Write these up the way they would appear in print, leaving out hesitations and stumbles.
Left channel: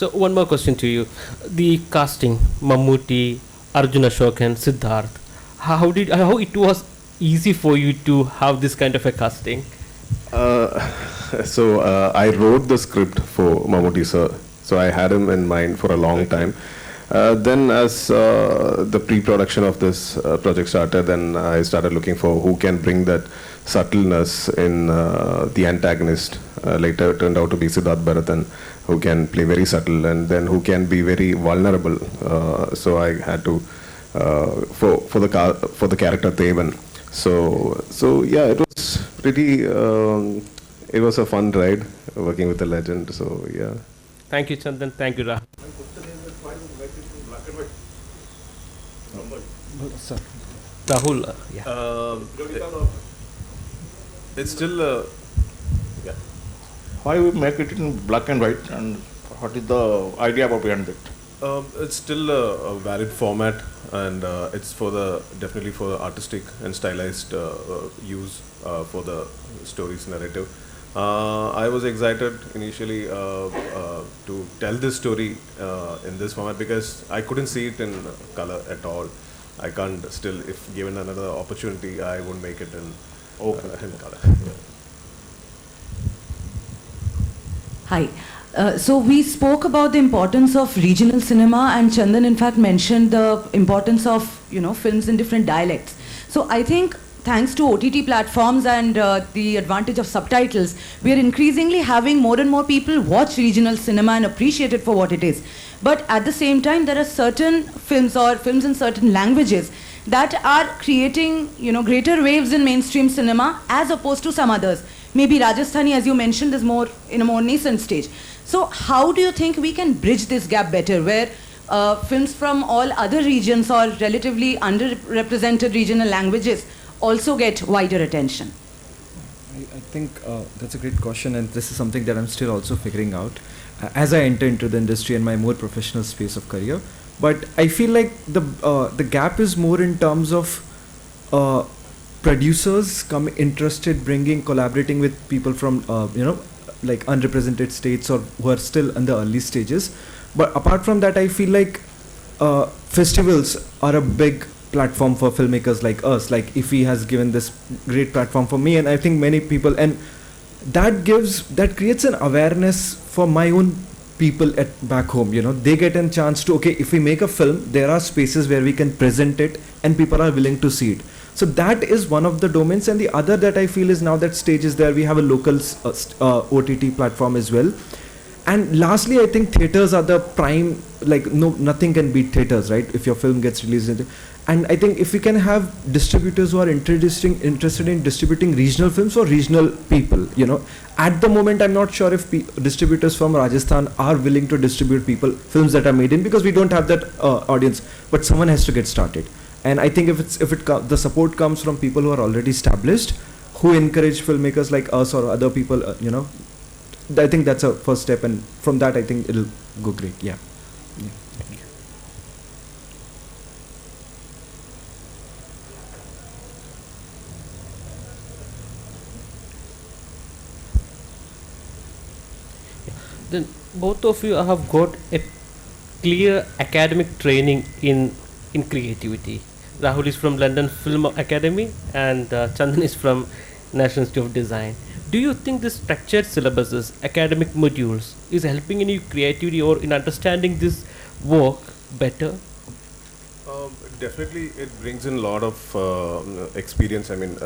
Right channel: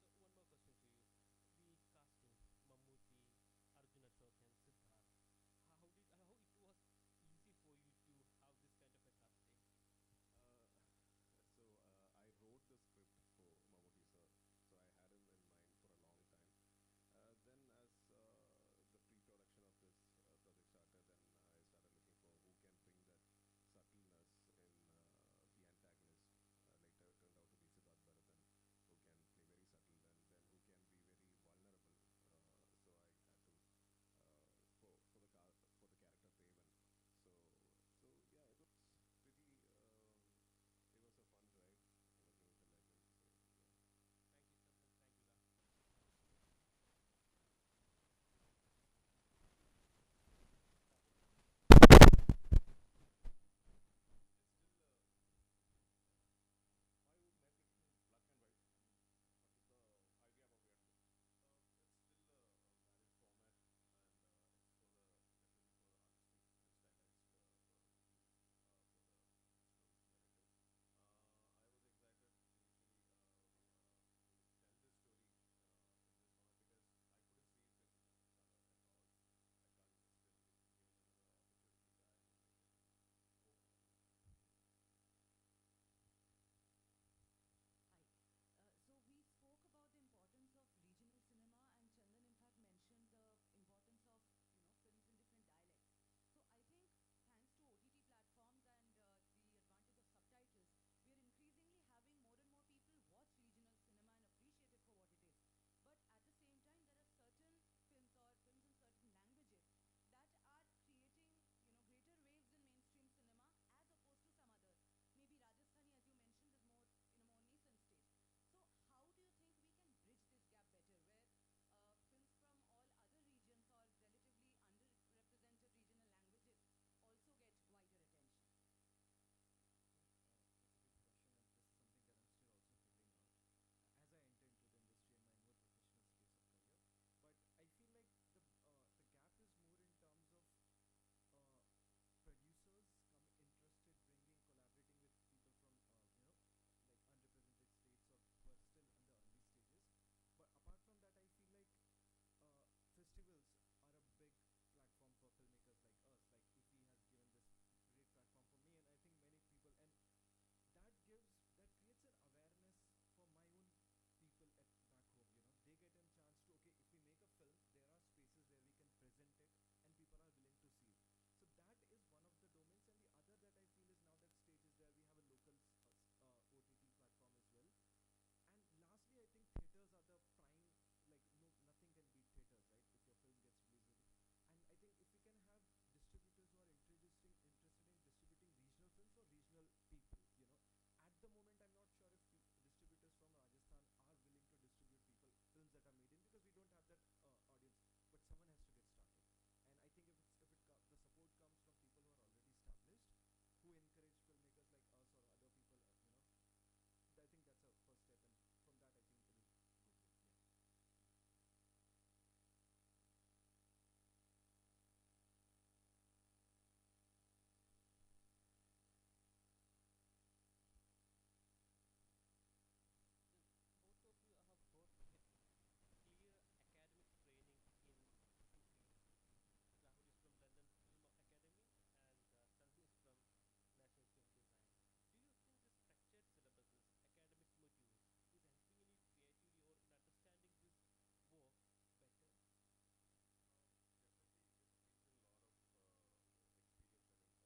So one more question to you: the casting, Mammootty, Arjuna Ashok, and Siddharth. How it was easy for you to have this kind of a casting? Uh, I wrote the script for Mammootty sir. So I had him in mind for a long time. Then as the pre-production of this project started, then I started looking for who can bring that subtleness in the antagonist. Later it turned out to be Siddharth Bharathan, who can play very subtle and then who can be very vulnerable. So I had to for the character Devan. So yeah, it was pretty. It was a fun ride working with a legend. So yeah. Thank you, Chandan. Thank you, Rahul. Sir, Rahul. Yeah. It's still yeah. Why we make it in black and white, and what is the idea about behind it? It's still a valid format, and it's for the definitely for the artistic and stylized use for the story's narrative. I was excited initially to tell this story in this format because I couldn't see it in color at all. I can't still, if given another opportunity, I would make it in color. Yeah. Hi. So we spoke about the importance of regional cinema, and Chandan in fact mentioned the importance of films in different dialects. So I think thanks to OTT platforms and the advantage of subtitles, we are increasingly having more and more people watch regional cinema and appreciate it for what it is. But at the same time, there are certain films or films in certain languages that are creating greater waves in mainstream cinema as opposed to some others. Maybe Rajasthani, as you mentioned, is more in a more nascent stage. So how do you think we can bridge this gap better, where films from all other regions or relatively underrepresented regional languages also get wider attention? I think that's a great question, and this is something that I'm still also figuring out as I enter into the industry and my more professional space of career. But I feel like the gap is more in terms of producers interested collaborating with people from like unrepresented states or who are still in the early stages. But apart from that, I feel like festivals are a big platform for filmmakers like us. Like IFFI has given this great platform for me, and I think many people, and that creates an awareness for my own people back home. They get a chance to, okay, if we make a film, there are spaces where we can present it and people are willing to see it. So that is one of the domains, and the other that I feel is now that stage is there. We have a local OTT platform as well. And lastly, I think theaters are the prime, nothing can beat theaters, right? If your film gets released. And I think if we can have distributors who are interested in distributing regional films for regional people, at the moment, I'm not sure if distributors from Rajasthan are willing to distribute films that are made in, because we don't have that audience, but someone has to get started. And I think if the support comes from people who are already established, who encourage filmmakers like us or other people, I think that's a first step, and from that I think it'll go great. Yeah. Then both of you have got a clear academic training in creativity. Rahul is from London Film Academy, and Chandan is from National Institute of Design. Do you think this structured syllabuses, academic modules, is helping in your creativity or in understanding this work better? Definitely, it brings in a lot of experience. I mean,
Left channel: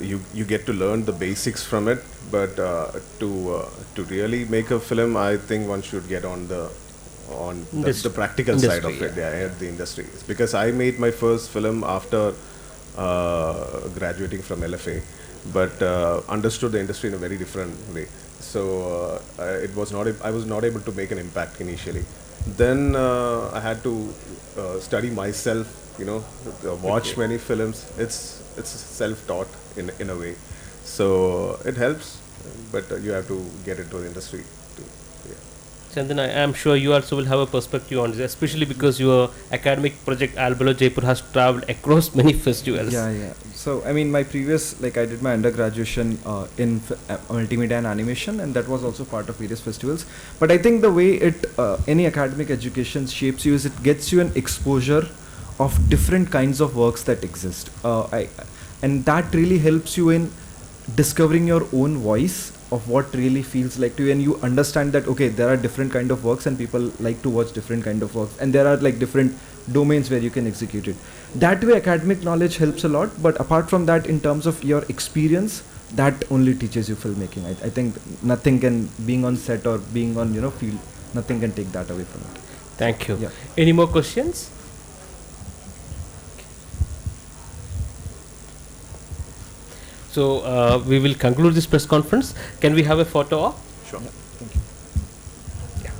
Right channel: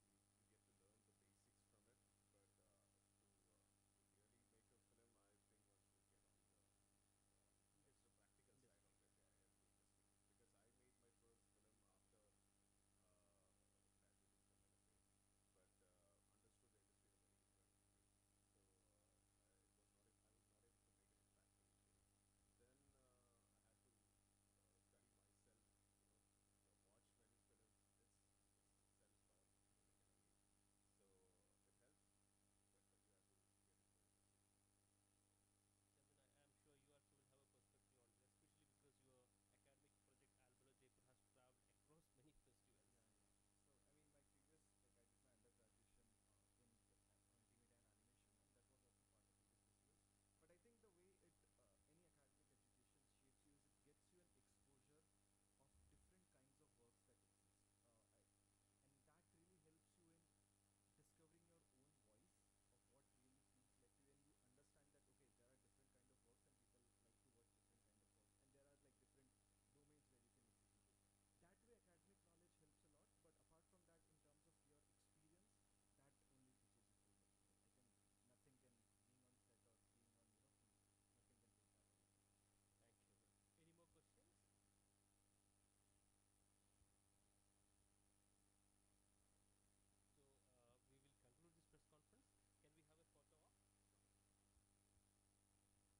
you get to learn the basics from it, but to really make a film, I think one should get on the practical side of it, at the industry. Because I made my first film after graduating from LFA, but understood the industry in a very different way. So I was not able to make an impact initially. Then I had to study myself, watch many films. It's self-taught in a way, so it helps, but you have to get into the industry too. Yeah. Chandan, I am sure you also will have a perspective on this, especially because your academic project Albelo Jaipur has traveled across many festivals. Yeah, yeah. So, I mean, my previous, like, I did my undergraduation in multimedia and animation, and that was also part of various festivals. But I think the way any academic education shapes you is it gets you an exposure of different kinds of works that exist. And that really helps you in discovering your own voice of what really feels like to you, and you understand that okay, there are different kind of works and people like to watch different kind of works, and there are like different domains where you can execute it. That way academic knowledge helps a lot, but apart from that, in terms of your experience, that only teaches you filmmaking. I think nothing can, being on set or being on field, nothing can take that away from it. Thank you. Yeah. Any more questions? So we will conclude this press conference. Can we have a photo op? Sure.